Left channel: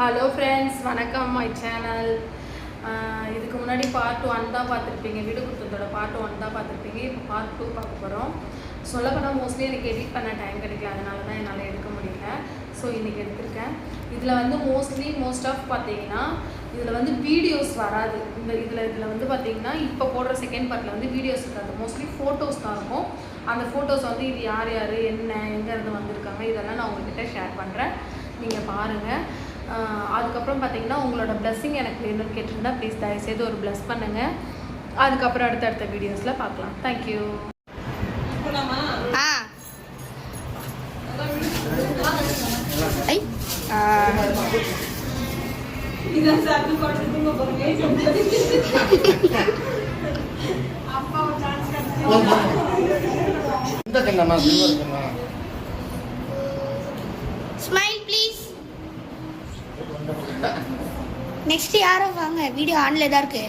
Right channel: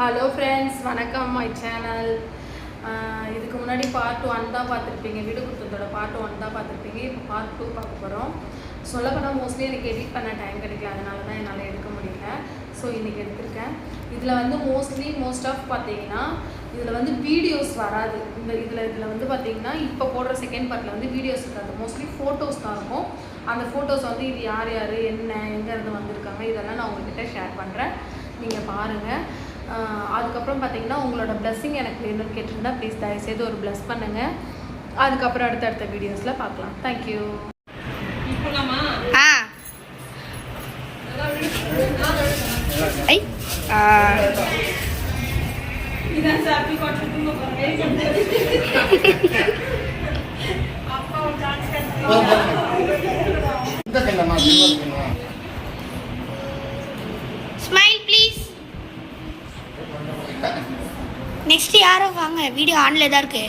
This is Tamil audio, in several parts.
ஹலோ ஃப்ரெண்ட்ஸ், வணக்கம். My channel. இதுக்கு முன்னாடி பார்ட் 1 தான் பார்த்துருப்பீங்க. வீடு கொடுத்ததோட பார்ட் 1 தான் பார்த்துருப்பீங்க. இப்போ பார்ட் 2 பார்க்க போகிறோம். சொல்லப்போனால் மோஸ்ட்லி எனக்கு எடிட் பண்ண டைம் கிடைக்கல, அதனால தான் என்னால் எடுக்க முடியல. ஸோ இன்றைக்கி எடுத்திருக்கேன். இதில் வந்து மோஸ்ட் ஆஃப் பார்த்தீங்கன்னா இதில் வந்து வீடியோஸ் வராது. இதில் வந்து பார்த்தீங்கன்னா இப்போ போடுற செகண்ட் பார்ட்டில் வந்து வீடியோஸ் இருக்காது. மோஸ்ட்லி ஃபோட்டோஸ் தான் இருக்கும். அந்த ஃபோட்டோஸ் வந்து இது யார் யார் என்ன எங்கேருந்து வந்திருக்காங்க இதெல்லாம் நான் உங்கள்கிட்ட ஷேர் பண்ணுறேன். நீங்கள் பாருங்கள். அதுக்கப்புறம் பார்த்தீங்கன்னா உங்களோட பிளஸ்ஸிங் எனக்கு வேணும்னு கேட்டிருந்தா ப்ளீஸ் தயவுசெய்து ஒரு பிளஸ் பண்ணுங்கள். அதுக்கப்புறம் அடுத்தடுத்த வீடியோஸில் பார்க்கலாம். தேங்க்யூ. நெக்ஸ்ட் யாரோ வாங்க. வீடியோ ஆன்ல தான் இருக்கு.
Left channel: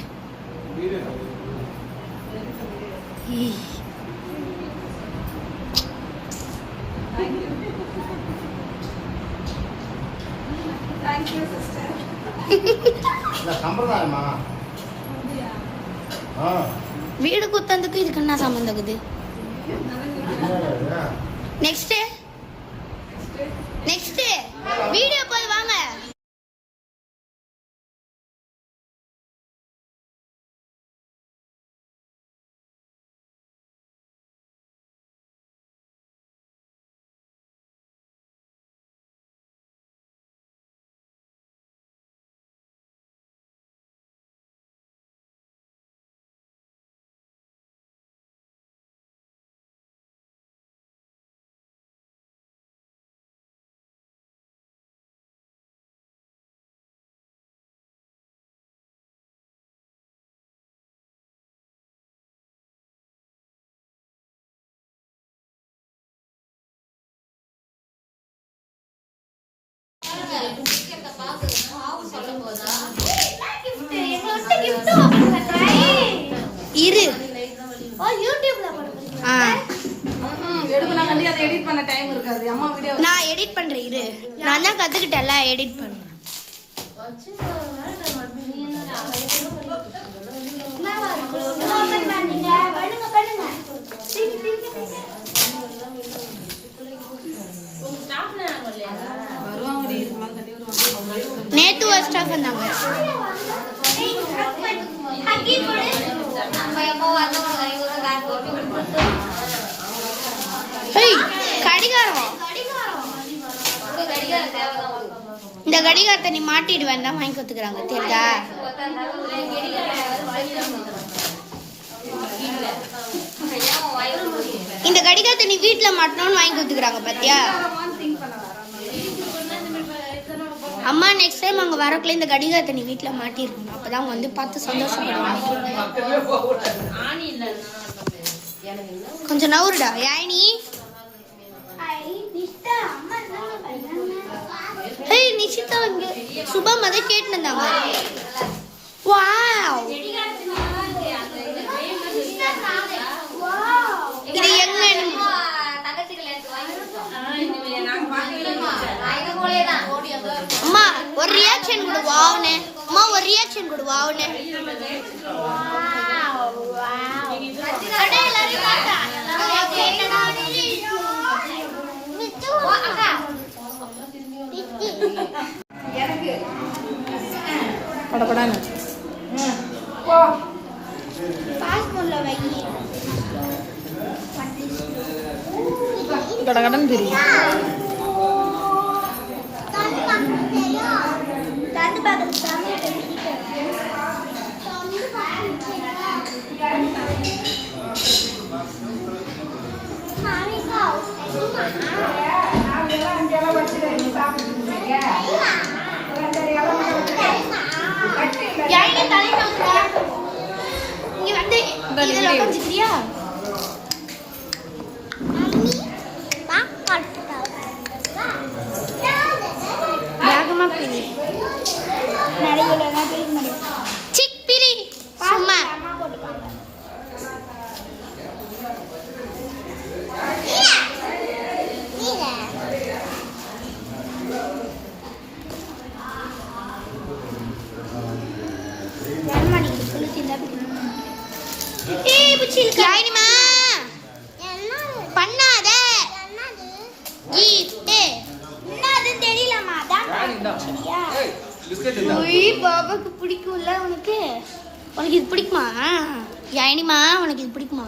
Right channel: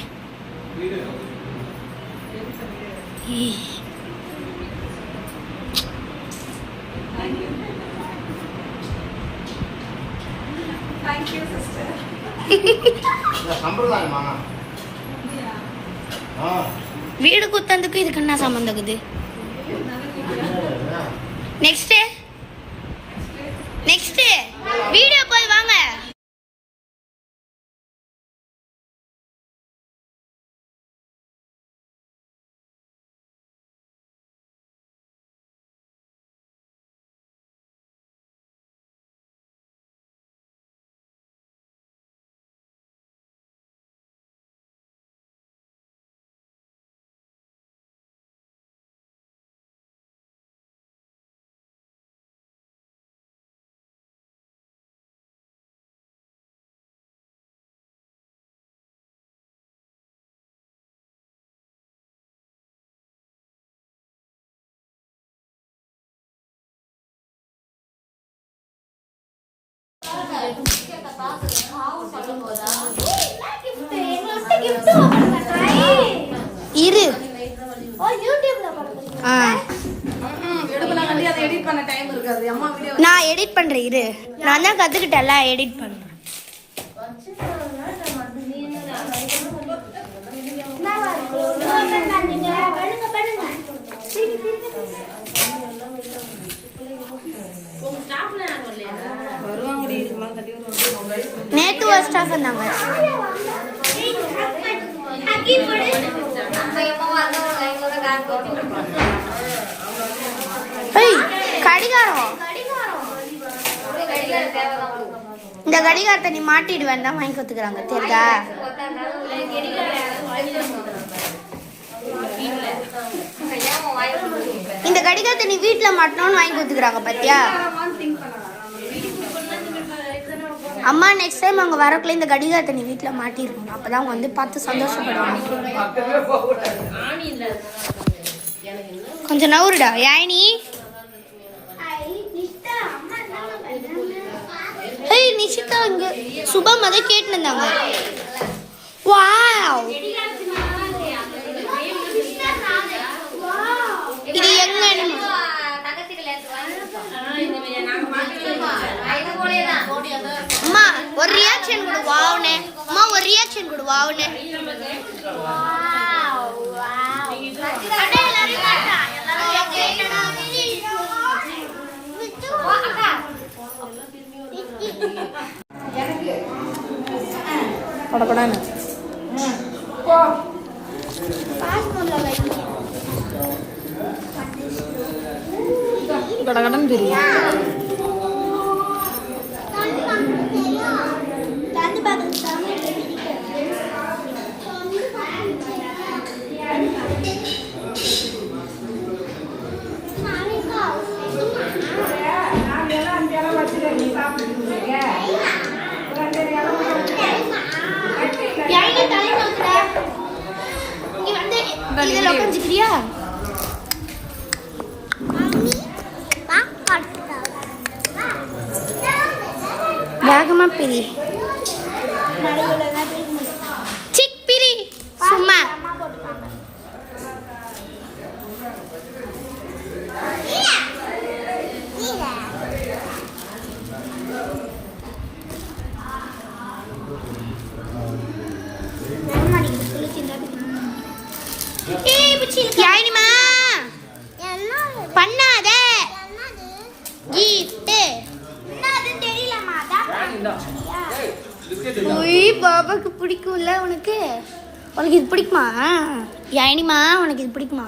Thank you sister. வீடு குத்தந்துக்கு இதுக்கு என்ன சம்பந்தம்? நெக்ஸ்ட் வீடியோ போய் வாங்க. இரு நான் எடிட் பண்றேன். இரு, நான் தான் கத்துக்கிட்டேன்ல, எடிட் பண்றேன். நேத்து ஒரு ஸ்டாஃப் வந்தாங்க. கடிகாரம், இந்த கடிகாரத்தை நீ மாட்டிடுவேன் தான் வாங்கி கொடுத்துக்கிறாங்க. தெரியுதா? இந்த கடிகாரத்தை நீ வீட்டுல மாட்டணும்னு வாங்கி கொடுத்துக்கிறாங்க. பாத்தியா அம்மா, நெக்ஸ்ட் டைம் அவங்க வரக்குள்ள இந்த கடிகாரத்தை நீ வீட்டில் மாட்டிருக்கணும். அப்பதான் அவங்க வந்து பார்த்து சந்தோஷப்படுவாங்க. கொஞ்சம் நவுருடா யாயினி. நிஷிதா இங்க சுபம் அதை கேட்டு இருந்தாங்க. வாவ், இது என்ன அம்மா? ஒரு ரியாக்ஷன் கொடு வாவுனே. அம்மா ஒரு ரியாக்ஷன் கொடு வாவுனே. படப்படான்னு கடகடன் தெரியும். வேகமா பிரி. சிக் பிரி சும்மா. யாயினிமா பண்ணாத பாபாக்கு பிடிக்கும்ல உனக்கு உனக்கு இது பிடிக்குமா யாயினிமா உனக்கு இது பிடிக்குமா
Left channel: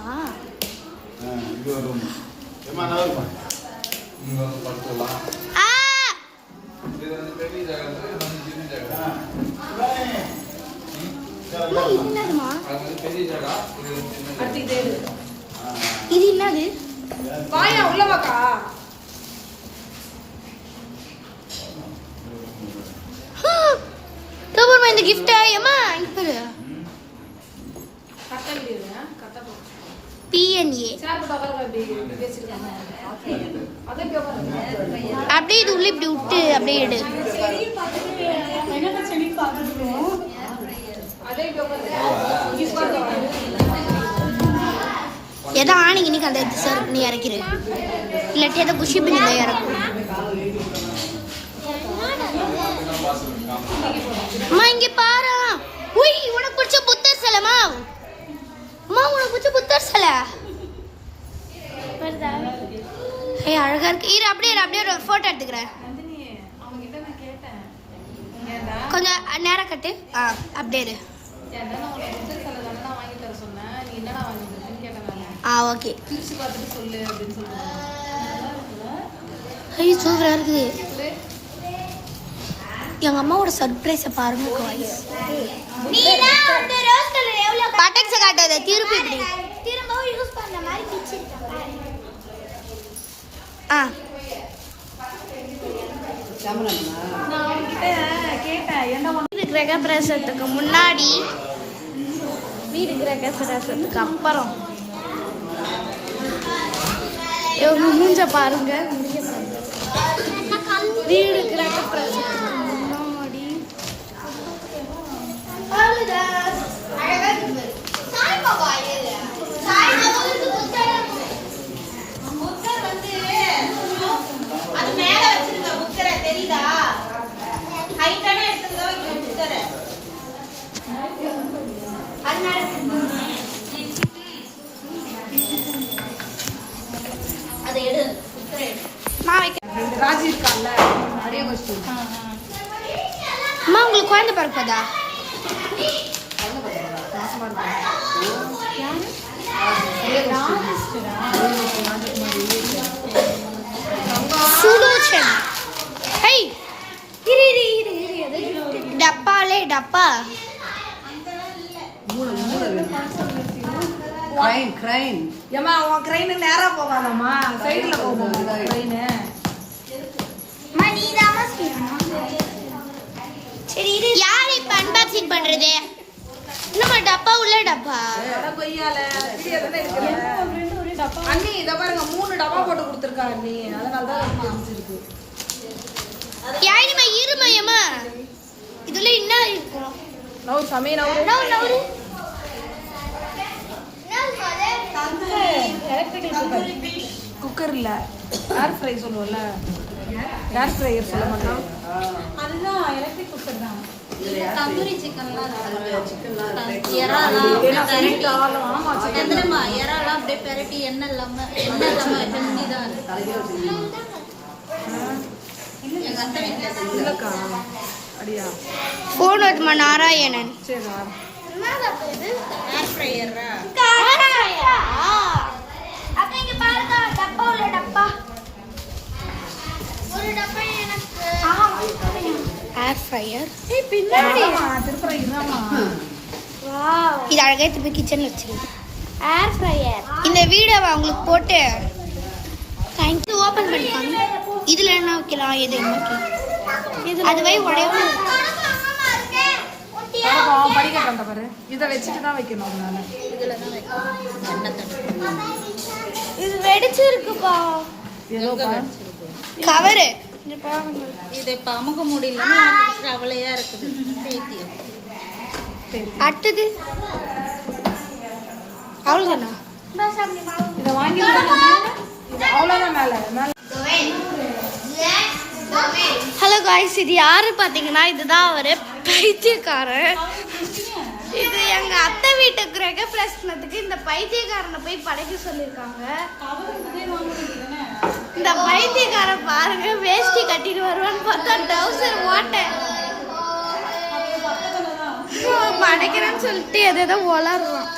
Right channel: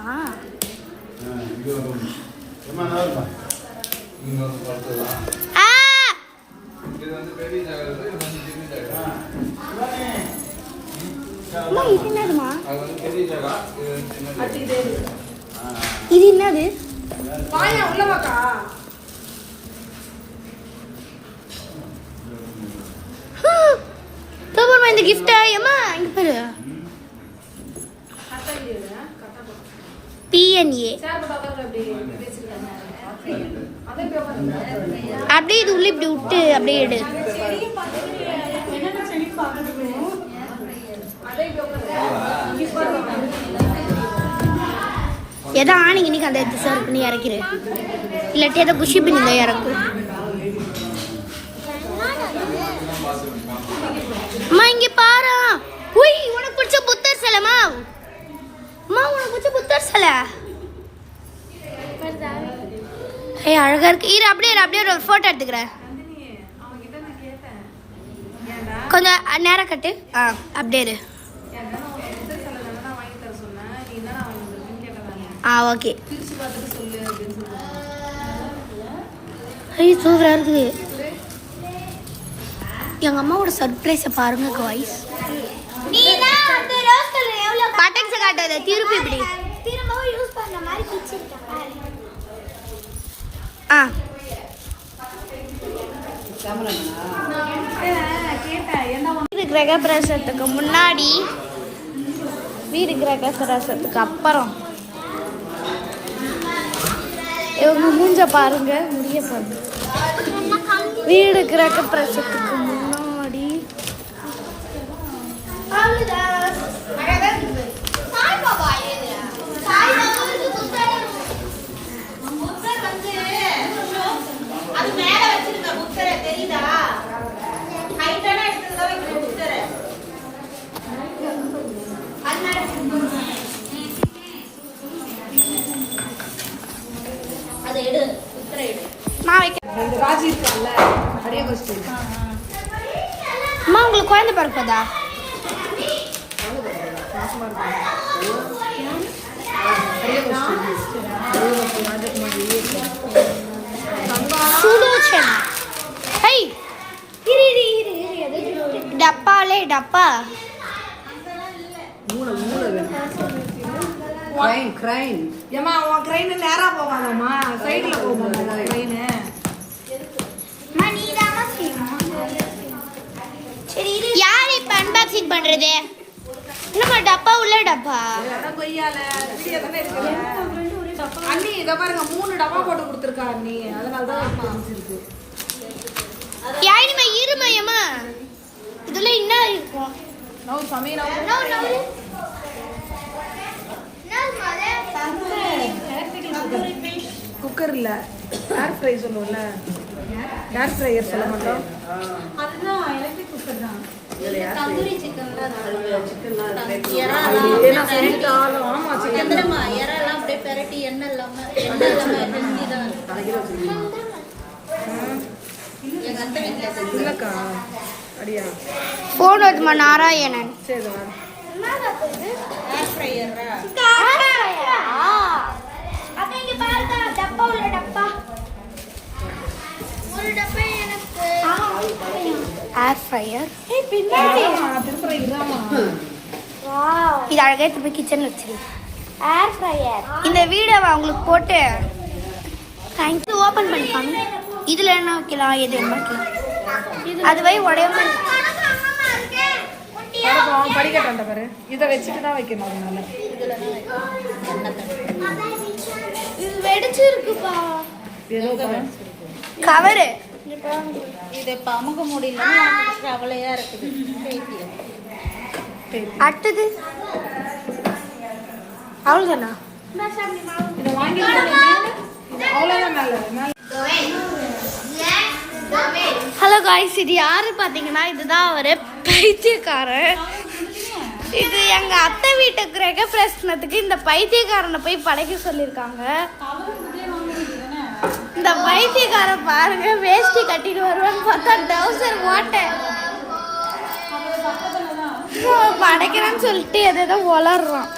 இது என்னதுமா இது என்னது உள்ள பாக்கா தோபர்மா இந்த gift ஏமா இங்க பாரு PNA அப்படியே இது உள்ள இப்படி விட்டு அப்படியே எடு எதோ ஆணிங்க நீ அந்த எடுத்து சர்வ் பண்ணி இறக்கிடு இல்லாட்டி எதை புஷி பண்ணி தான் இறக்கும் அம்மா இங்க பாரு உய் உனக்கு பிடிச்ச புத்தர் சிலைமா அம்மா உனக்கு பிடிச்ச புத்தர் சிலை ஏய் அழகா இருக்கு இரு அப்படியே ஒரு போட்டோ எடுத்துக்கிறேன் கொஞ்சம் நேரம் கட்டு அப்படியே இரு ஓகே ஐயோ சூப்பரா இருக்குது எங்க அம்மாவோட சர்ப்ரைஸை பாருங்க காய்ஸ் பட்டன்ஸை காட்டாத திருப்பி இப்படி திரும்பவும் யூஸ் பண்ண மாதிரி பிச்சிருக்கேன் கிரக பிரவேசத்துக்கு முன்னாடி வீடு கிரக பிரவேசத்துக்கு அப்புறம் இவங்க மூஞ்ச பாருங்க முடிய பாருங்க வீடு கிரக பிரவேசத்துக்கு முன்னாடி அம்மா உங்களுக்கு குழந்தை பிறப்பதா சுலோச்சனா ஹை இரு டப்பாலே டப்பா கிரைன் ஏமா உன் கிரைன் நேரா போவாதம்மா சைடுல போவாங்க கிரைன் சரி இது யார் இப்ப அன்பாக்சிங் பண்றது என்னமா டப்பா உள்ள டப்பா அண்ணி இத பாருங்க 3 டப்பா போட்டு கொடுத்திருக்கா அண்ணி அதனால தான் காமிச்சிருக்கு யாரிமா இருமையம்மா இதுல என்ன இருக்கும் நோ சமீனா குக்கர் இல்ல ஏர் ஃப்ரை சொல்லுவோம்ல ஏர் ஃப்ரையர் சொல்ல மாட்டோம் அதுதான் எலக்ட்ரிக் குக்கர் தான் தந்தூரி சிக்கன்லாம் ஏன்னா சொல்லிட்டாலும் ஆமா சிக்கன் எந்தமா எறாலாம் அப்படியே பெரட்டி எண்ணெய் இல்லாம வெந்நி தான் இல்லக்கா அடியா போன் வருதுமா நாராயணன் சரி ஏர் ஃப்ரையர் அப்ப இங்க பாருங்க டப்பா உள்ள டப்பா ஒரு டப்பா எனக்கு ஏர் ஃப்ரையர் ஏய் பின்னாடி திருப்பி இதாமா வாவ் இது அழகா திருப்பி கிச்சன்ல வச்சிருக்கு ஏர் ஃப்ரையர் இந்த வீடியோவை உங்களுக்கு போட்டு தேங்க்யூ ஓபன் பண்ணிப்பாங்க இதுல என்ன வைக்கலாம் எது என்ன வைக்கலாம் அதுவே உடையாம படிக்கட்டு அந்த பாரு இதை வச்சுட்டு தான் வைக்கணும் அதனால இதுல தான் வைக்கணும் இது வெடிச்சிருக்குப்பா கவரு இது இப்ப அமுக முடியலன்னா கவலையா இருக்குது அடுத்தது அவ்வளோதானா இதை வாங்கி அவ்வளோதான் மேலே ஹலோ காய்ஸ் இது யாரு பார்த்தீங்கன்னா இதுதான் அவர் பைத்தியக்காரன் இது எங்க அத்தை வீட்டு கிரக பிரச்சனத்துக்கு இந்த பைத்தியக்காரனை போய் படைக்க சொல்லியிருக்காங்க. இந்த பைத்தியக்காரன் பாருங்க வேஷ்டி கட்டிட்டு வருவான்னு பார்த்தா டவுசர் ஓட்ட படைக்கிறேன்னு சொல்லிட்டு எதோ வளர்றான்.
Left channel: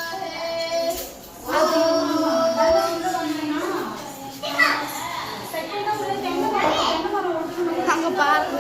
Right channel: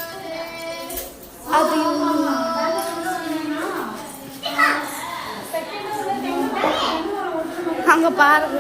அங்க பாருங்க.